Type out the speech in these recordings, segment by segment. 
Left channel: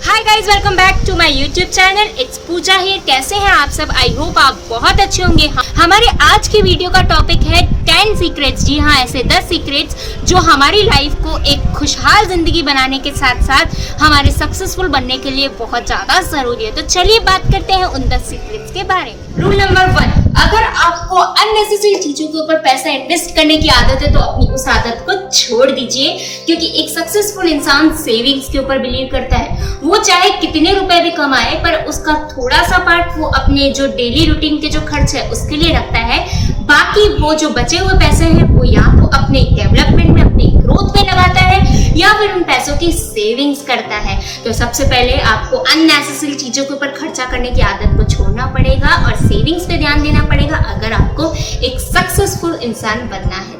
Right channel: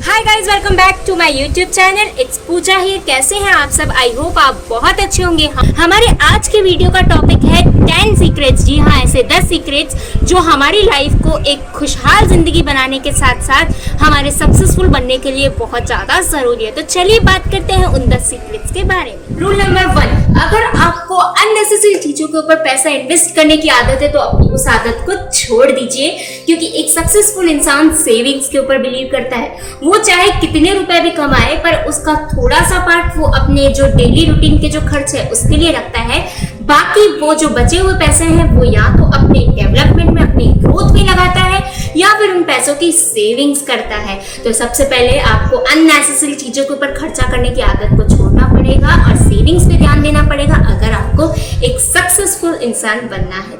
Hi guys, welcome back to my YouTube channel. It's Pooja here. कैसे हैं आप सब? आई होप आप बहुत अच्छे होंगे। हमारे आज की वीडियो का टॉपिक है 10 सीक्रेट्स। जी हाँ, ऐसे 10 सीक्रेट्स जो हमारी लाइफ को एक खुशहाल जिंदगी बनाने के साथ साथ हमारे सक्सेसफुल बनने के लिए बहुत ज़्यादा ज़रूरी है। तो चलिए बात करते हैं उन 10 सीक्रेट्स के बारे में। रूल नंबर 1, अगर आपको अननेसेसरी चीज़ों के ऊपर पैसा इन्वेस्ट करने की आदत है तो अपनी उस आदत को छोड़ दीजिए, क्योंकि एक सक्सेसफुल इंसान सेविंग्स के ऊपर बिलीव करता है। वो चाहे कितने रुपए भी कमाए, पर उसका थोड़ा सा पार्ट वो अपने जो डेली रूटीन के जो खर्च है उसके लिए रखता है। बाकी वो जो बचे हुए पैसे हैं वो या तो अपने डेवलपमेंट में, अपनी ग्रोथ में लगाता है, या फिर उन पैसों की सेविंग्स करता है। तो सबसे पहले आपको अननेसेसरी चीजों के ऊपर खर्चा करने की आदत को छोड़ना पड़ेगा और सेविंग्स पे ध्यान देना पड़ेगा अगर आपको एक सक्सेसफुल इंसान बनना है।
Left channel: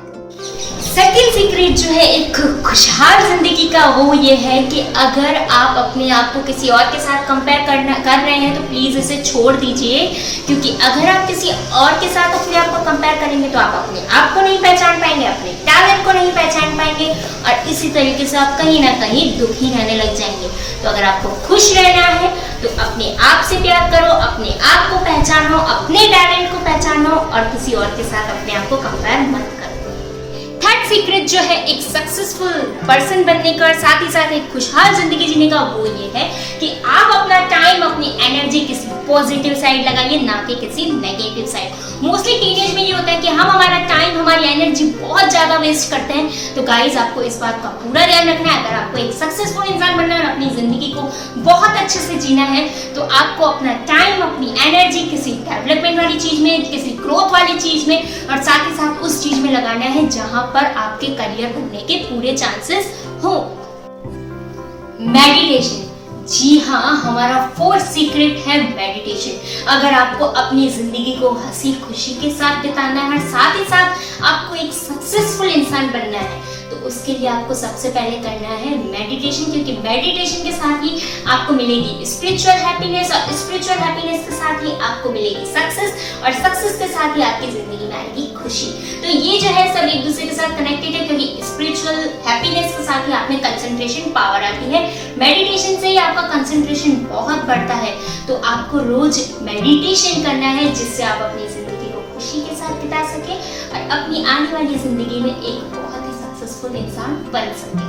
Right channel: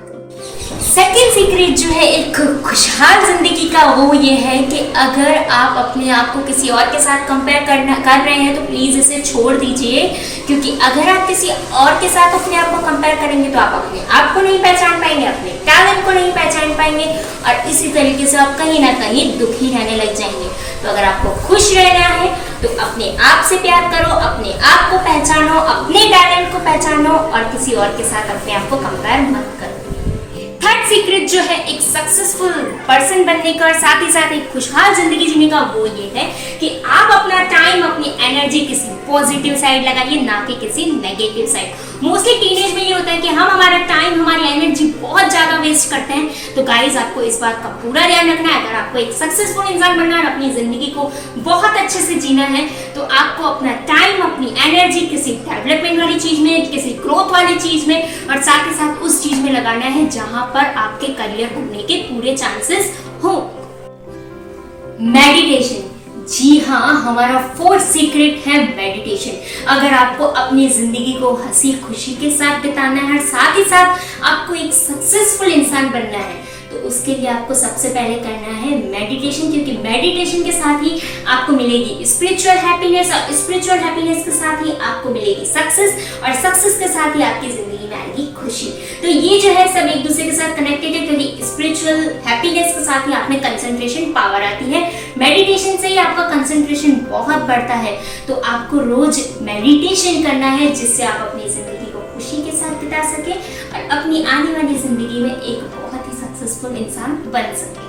सेकेंड सीक्रेट जो है एक खुशहाल जिंदगी का, वो ये है कि अगर आप अपने आप को किसी और के साथ कंपेयर कर रहे हैं तो प्लीज़ इसे छोड़ दीजिए, क्योंकि अगर आप किसी और के साथ अपने आप को कंपेयर करेंगे तो आप अपने आप को नहीं पहचान पाएंगे, अपने टैलेंट को नहीं पहचान पाएंगे और इसी तरीके से आप कहीं ना कहीं दुखी रहने लग जाएंगे। तो अगर आपको खुश रहना है तो अपने आप से प्यार करो, अपने आप को पहचानो, अपने टैलेंट को पहचानो और किसी और के साथ अपने आप को कंपेयर मत करो। थर्ड सीक्रेट जो है एक सक्सेसफुल पर्सन बनने का और साथ ही साथ एक खुशहाल जिंदगी जीने का, वो ये है कि आप अपना टाइम, अपनी एनर्जी किसी पॉजिटिव साइड लगाइए, ना कि किसी नेगेटिव साइड। मोस्टली टीनेज में ये होता है कि हम हमारा टाइम, हमारी एनर्जी बहुत ज़्यादा वेस्ट करते हैं। तो गाइज, आपको इस बात का पूरा ध्यान रखना है। अगर आपको एक सक्सेसफुल इंसान बनना है और अपनी ज़िंदगी को बहुत अच्छे से जीना है तो आपको अपना टाइम, अपनी एनर्जी किसी डेवलपमेंट वाली चीज़ में, किसी ग्रोथ वाली चीज़ में और साथ ही साथ उस चीज़ में लगाना है जहाँ पर आपके करियर बनने के पूरे चांसेस हो। मेडिटेशन। जी हाँ, हमारा फोर्थ सीक्रेट है मेडिटेशन। अगर आपको अपनी जिंदगी को हंसी खुशी के साथ बिताना है और साथ ही साथ आपको एक सक्सेसफुल इंसान बनना है तो उसके लिए आपको सबसे पहले करना है मेडिटेशन, क्योंकि मेडिटेशन के साथ ही आपको मिलेगी स्पिरिचुअल हैप्पीनेस और स्पिरिचुअल हैप्पीनेस के साथ ही आपको मिलेगी सक्सेस और सक्सेस के साथ ही आपकी जिंदगी में आएगी खुशी। तो ये जो है सब एक दूसरे के साथ कनेक्टेड है, क्योंकि स्पिरिचुअल हैप्पीनेस के साथ ही आप में कंसंट्रेशन पावर आती है। मेडिटेशन से ही आपका कंसंट्रेशन बहुत बढ़ता है। तो आपको रोज मेडिटेशन करना है जिससे आप अपनी जिंदगी को खुशी के साथ बिता सके और अपनी आने वाली जिंदगी में एक बहुत ही सक्सेसफुल इंसान बन सके।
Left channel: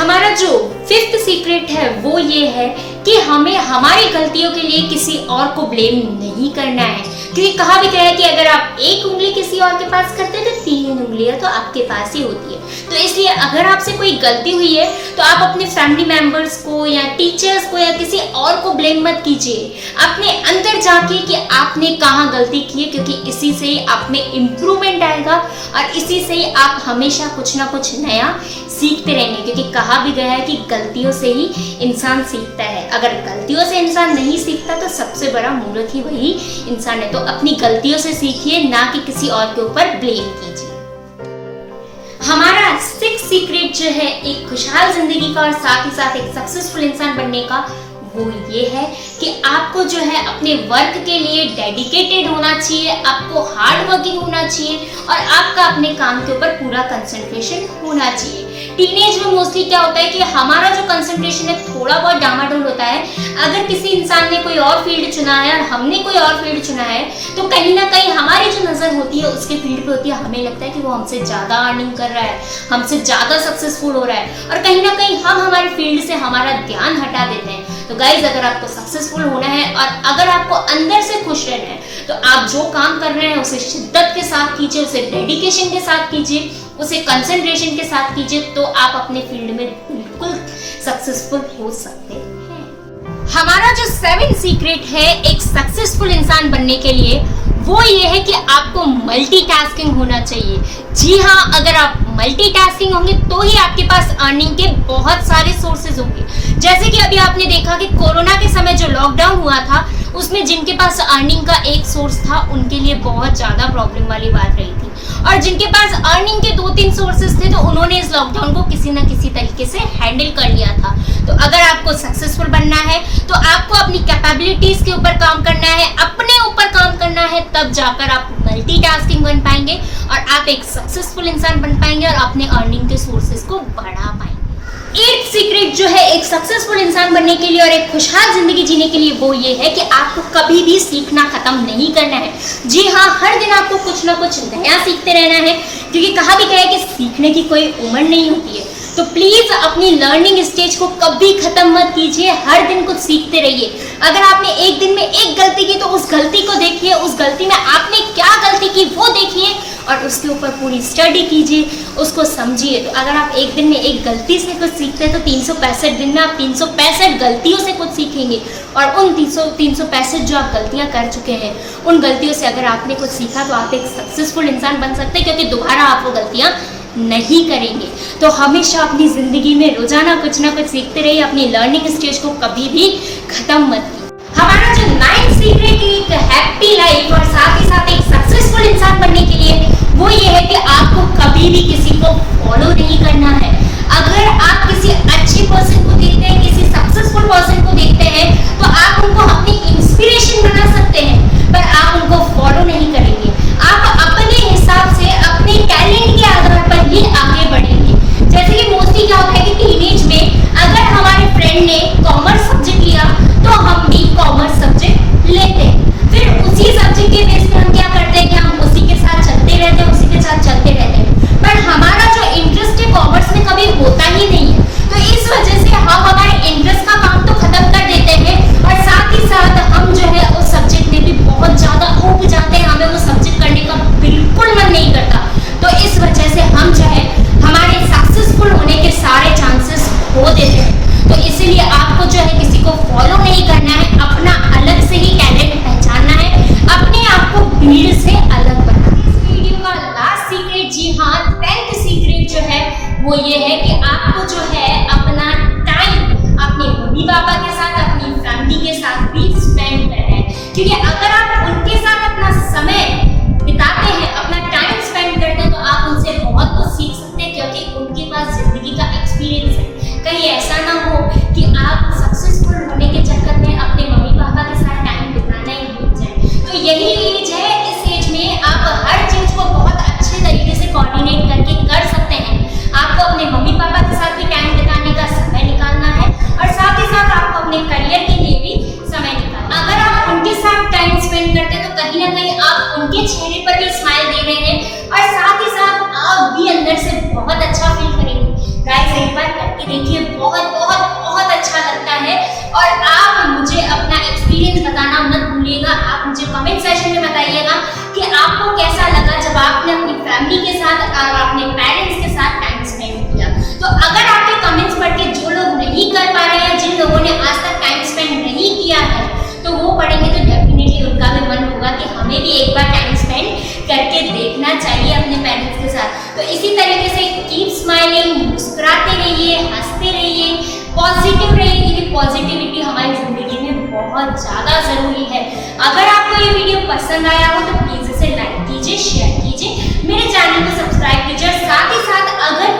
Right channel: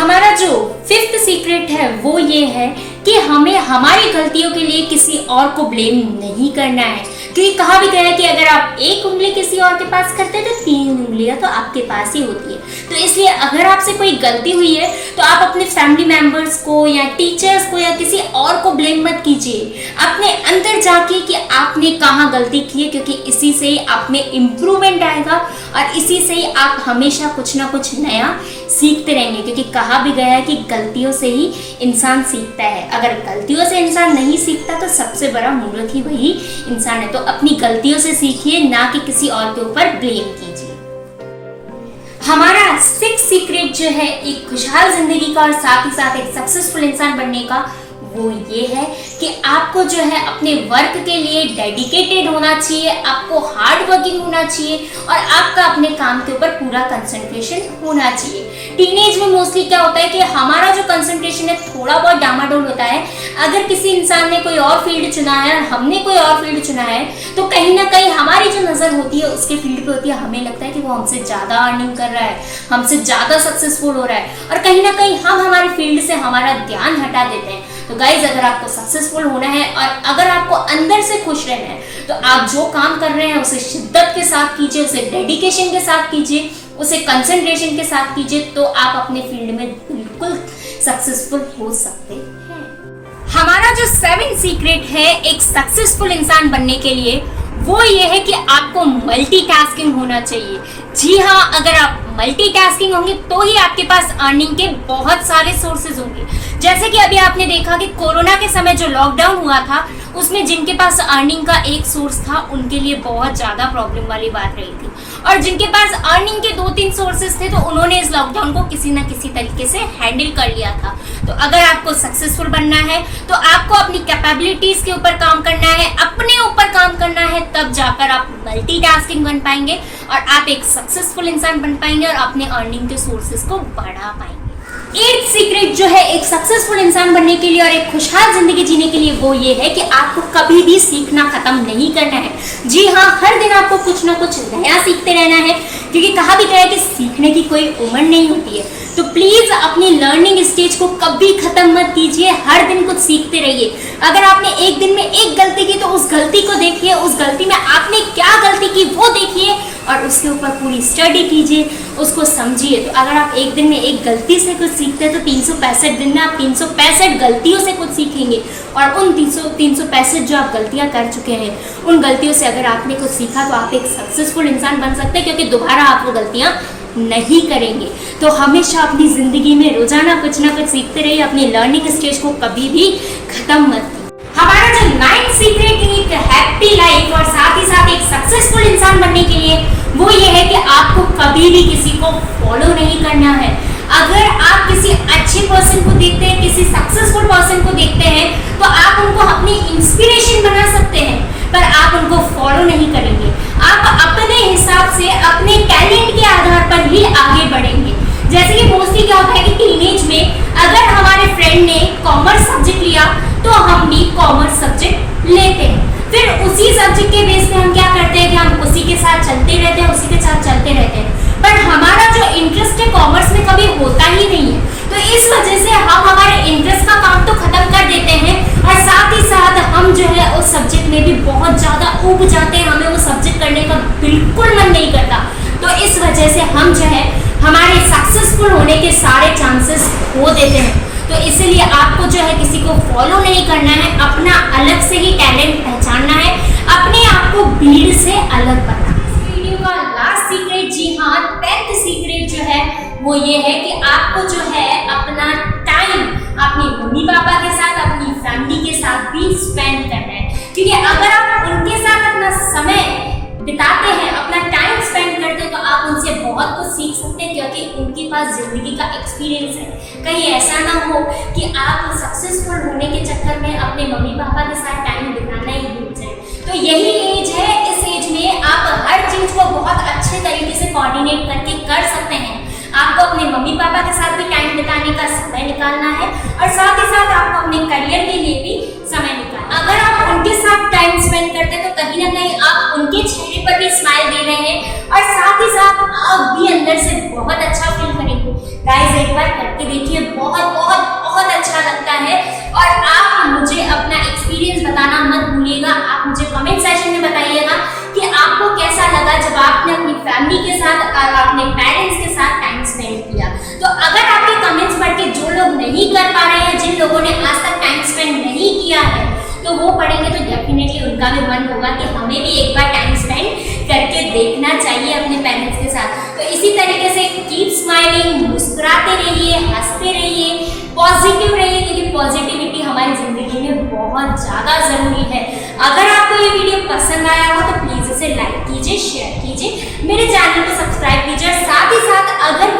हमारा जो फिफ्थ सीक्रेट है वो ये है कि हमें हमारी गलतियों के लिए किसी और को ब्लेम नहीं करना है, क्योंकि कहा भी गया है कि अगर आप एक उंगली किसी और के पास करते हैं तो 3 उंगलियां तो आपके पास ही होती है। तो इसलिए अगर आपसे कोई गलती हुई है तो आप अपने फैमिली मेंबर्स को या टीचर्स को या किसी और को ब्लेम मत कीजिए। अपने अंदर जाके कि आपने कहाँ गलती की है, क्योंकि इसी से ही आप में इम्प्रूवमेंट आएगा और इसी से ही आप हमेशा कुछ ना कुछ नया सीखते रहेंगे, क्योंकि कहा भी गया है कि गलतियों से ही इंसान सीखता है। अगर गलतियों से इंसान नहीं सीखता तो सबसे बड़ा मूर्ख ही वही इंसान है। तो अपनी गलतियों से सीखिए, ना कि किसी और के ऊपर ब्लेम कीजिए। हमारा सिक्स्थ सीक्रेट जो है एक खुशहाल जिंदगी का और साथ ही साथ एक सक्सेसफुल इंसान बनने का, वो ये है कि आपको जो है अपने वर्क के लिए डेडिकेटेड होना चाहिए, आपको हार्ड वर्किंग होना चाहिए और आपका अपने काम के ऊपर पूरा कंसंट्रेशन होना चाहिए। टीनेज में मोस्टली क्या होता है कि हमारा जो कंसंट्रेशन है थोड़ा बहुत डामाडोल होता है। अगर किसी इंसान ने कोई और फील्ड चुना है और हमने कोई और फील्ड चुना है तो कहीं ना कहीं हमारी जो नज़र होती है उसके फील्ड पे होती है। हमें लगता है कि वो हमसे ज़्यादा अर्निंग कर रहा है, हमसे ज़्यादा सक्सेसफुल हो रहा है और कहीं ना कहीं हम हमारी फील्ड से हमारा ध्यान हटा देते हैं। तो गाइज, अगर आपको सक्सेसफुल होना है और अगर आपको अंदर से खुश रहना है तो आप जो काम कर रहे हैं उसे शिद्दत के साथ कीजिए, उसे डेडिकेशन के साथ कीजिए, उसे कंसंट्रेशन के साथ कीजिए, तो आप अपने फील्ड में बिल्कुल सक्सेसफुल हो सकते हैं। हमारा जो 7 सीक्रेट है एक सक्सेसफुल इंसान बनने के लिए, वो ये है कि आपको मल्टीटास्किंग होना चाहिए। जी हाँ, अगर आप मल्टीटास्किंग होंगे तो ही आपके पास अर्निंग के बहुत सारे सोर्सेज होंगे। जैसे कि अभी आपने देखा कि कोरोना के समय जो लॉकडाउन हुआ था उसमें जिनके पास अर्निंग का एक सोर्स था उनके लिए बहुत ज़्यादा प्रॉब्लम वाली बात रही थी, और जिनके पास अर्निंग के 2-3 सोर्सेज थे तो उन्होंने इस लॉकडाउन को किसी ना किसी तरीके से हैंडल कर लिया था। तो अगर आपको सक्सेसफुल बनना है तो आपको अपनी कैपेबिलिटीज के ऊपर काम करना है, अपने ऊपर काम करना है, तब जाकर आप मल्टीटास्किंग बन पाएंगे और आप एक सक्सेसफुल इंसान बन पाएंगे और अपने अर्निंग के सोर्सेज को बढ़ा पाएंगे। एट सीक्रेट जो है एक सक्सेसफुल इंसान बनने के लिए और एक खुशहाल जिंदगी जीने के लिए वो ये है कि आपको कभी भी सीखना खत्म नहीं करना है। जी हाँ, हर दिन आपको कुछ ना कुछ नया सीखते रहना है, क्योंकि कहा भी गया है कि सीखने की कोई उम्र नहीं होती है। तो प्लीज अपनी लर्निंग स्टेज को कभी खत्म मत कीजिए, हर दिन कुछ सीखते रहिए। अगर आपने एक दिन में एक गलती की तो उस गलती को देखिए, उस गलती में आपने क्या गलती की वो देखिए और उसके ऊपर पूरी स्टडी कीजिए, उसको समझिए। तो अगर आप एक दिन में एक गलती से कुछ सीखते हैं तो 365 दिन में आप 365 गलतियों से कुछ सीखेंगे और उन 365 जो आप गलतियां कर चुके हैं उन गलतियों से अगर आपने कुछ सीखा तो आप एक सक्सेसफुल इंसान बन सकते हैं, क्योंकि दोबारा आप वो गलतियां नहीं करेंगे। तो हमेशा अपनी जिंदगी में रोजाना कुछ ना कुछ सीखते रहिए, अपनी लर्निंग स्टेज को कभी भी खत्म मत कीजिए। हमारा जो 9th सीक्रेट एक हैप्पी लाइफ और साथ ही साथ एक सक्सेसफुल इंसान बनने के लिए वो ये है कि आपको कभी भी किसी को फॉलो नहीं करना है। अगर आप किसी अच्छे पर्सन को देखते हैं, किसी सक्सेसफुल पर्सन को देखते हैं तो आप उनको अपनी इंस्पिरेशन बना सकते हैं, पर आप उनको फॉलो नहीं करेंगे। आप अपने हिसाब से अपने टैलेंट के आधार पर ही आगे बढ़ेंगे। जैसे कि मोस्टली क्या होता है कि टीनेज में अगर हमारे फ्रेंड ने कॉमर्स सब्जेक्ट लिया तो हम भी कॉमर्स सब्जेक्ट लेते हैं, फिर उसी सब्जेक्ट के बेस पे हम क्या करते हैं कि हम उसी के साथ चलते रहते हैं, उसी के साथ चलते रहते हैं, पर हमारा जो इंटरेस्ट है कॉमर्स में कभी होता ही नहीं है। तो इस वजह से हम हमारे इंटरेस्ट का काम तो खत्म कर देते हैं और साथ ही साथ हम जो है उस सब्जेक्ट में भी बहुत ज्यादा ऊब जाते हैं, हमें वो सब्जेक्ट करने का बिल्कुल मन नहीं करता। तो इस वजह से हम जो है हमारे सक्सेसफुल होने के सारे चांसेस खो देते हैं। तो इसलिए आपको जो है किसी को फॉलो नहीं करना है, अपना अलग से ही टैलेंट पहचानना है, अपने आप को भीड़ से अलग बनाना है। इस वीडियो का लास्ट सीक्रेट, जी हाँ 10th सीक्रेट जो है वो ये है कि आपको जो है अपना टाइम अपने मम्मी पापा के साथ, अपनी फैमिली के साथ भी स्पेंड करना है, क्योंकि अगर आप उनके साथ अपना समय बिताते हैं, अपना टाइम स्पेंड करते हैं तो आप उनसे बहुत कुछ सीख सकते हैं, क्योंकि उनके पास जिंदगी का एक्सपीरियंस है। कहीं ऐसा ना हो कि आप सक्सेसफुल होने के चक्कर में अपने मम्मी पापा के साथ टाइम बिताना ही भूल जाए। तो यही एज है, इस एज में आप हर चीज को बहुत अच्छे तरीके से कोऑर्डिनेट करके कर सकते हैं। आपको अपने मम्मी पापा के साथ भी टाइम बिताने का समय निकालना है और साथ ही साथ आपको अपने करियर के लिए भी समय निकालना है। अगर आप उनके साथ टाइम स्पेंड करते हैं तो कहीं ना कहीं आप उनके चेहरे पर भी स्माइल दे रहे हैं और साथ ही साथ आप भी अंदर से बहुत अच्छा फील करेंगे। गाइस एक बार करके देखिए, बहुत बहुत बहुत अच्छा लगता है। और आप मुझे अपना एक्सपीरियंस बताना मत भूलिएगा, आप मुझे कमेंट सेक्शन में बताइएगा कि आपको कैसा लगा जब आपने अपनी फैमिली के साथ और अपने पेरेंट्स के साथ टाइम स्पेंड किया। तो अगर आपके कमेंट्स पढ़ के जो लोग नहीं कर पा रहे हैं, जिन लोगों ने आज तक टाइम स्पेंड नहीं किया है, तो वो पढ़ेंगे तो डेफिनेटली उनका भी मन होगा कि हमें भी एक बार टाइम स्पेंड करके देखना चाहिए अपने पेरेंट्स के साथ। तो इसी तरीके से कीप स्माइलिंग, मुस्कुराते रहिए, हंसते रहिए, पॉजिटिव रहिए, क्योंकि पॉजिटिविटी हमारी जिंदगी में बहुत ज़्यादा ज़रूरी है। अगर आपको ये वीडियो पसंद आया हो तो प्लीज़ इसे लाइक कीजिए, शेयर कीजिए, मेरे चैनल को सब्सक्राइब कीजिए और साथ ही साथ अगर